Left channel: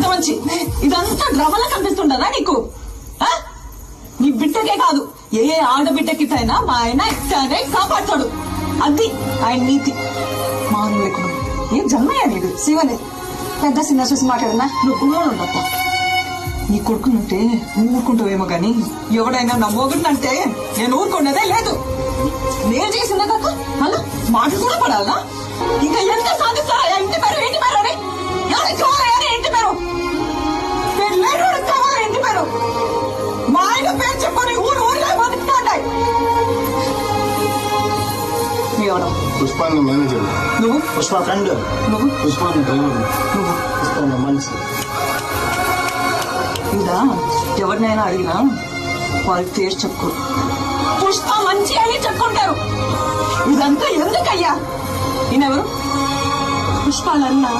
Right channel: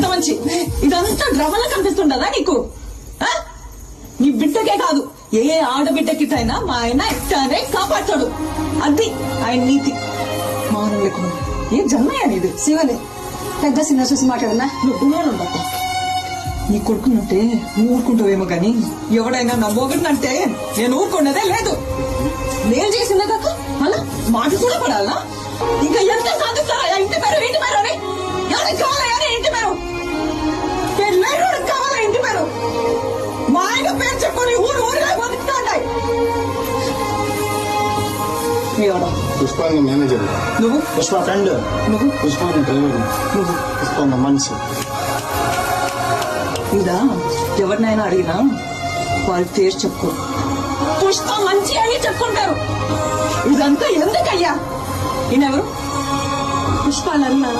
పెద్ద మంచి ఇదంతా డ్రామాలా కనిపిస్తుండదా నీకు? నీ బిడ్డకే కాదు ఏ ఆడబిడ్డకిటైనా మా ఆయన ఇట్లానే కాపాడతాడు. అది ఆయన నీతి. మానవ లేకుండా ఏం జన్మయ్యా నీది? శివలే పెద్ద సినిమా చూసి మాట్లాడున్నా. నువ్వు గుమ్మనుండప్ప. నీ కొడుకునంటే నువ్వు ఊరుకుంటావేమో గాని ఎవడైనా నా మొగుడినంటే నేను ఊరుకున్నదే లేదు. నేను చేసిందే కాక మళ్ళా మాట కూడా పడాలా? ఇంకా ఎంత సాధిస్తారా? ఇంటి పేరు ఇంటి పేరు అని ఎవరికి కావాలా? ఇంటి పేరు పేరు లేరు కావాలా? ఇంటి పేరు మా ఆయన పేరు చెప్పుకొని ఊరు ఊరిగా బతుకుతాయి. ఎవడా? పుష్ప మేనేజర్. నువ్వు? పుష్ప ఫ్రెండ్. నువ్వు? పుష్ప డ్రైవర్. నువ్వు? పుష్ప మనిషి. ఇదా ఎవరినైనా అడిగినా వాళ్ళ పేరు చెప్పుకో. పుష్ప మంచి అని చెప్పుకుంటారు. ఇదంతా ఎందుకయ్యా? ఈయనెవరు? పుష్పాలన్నా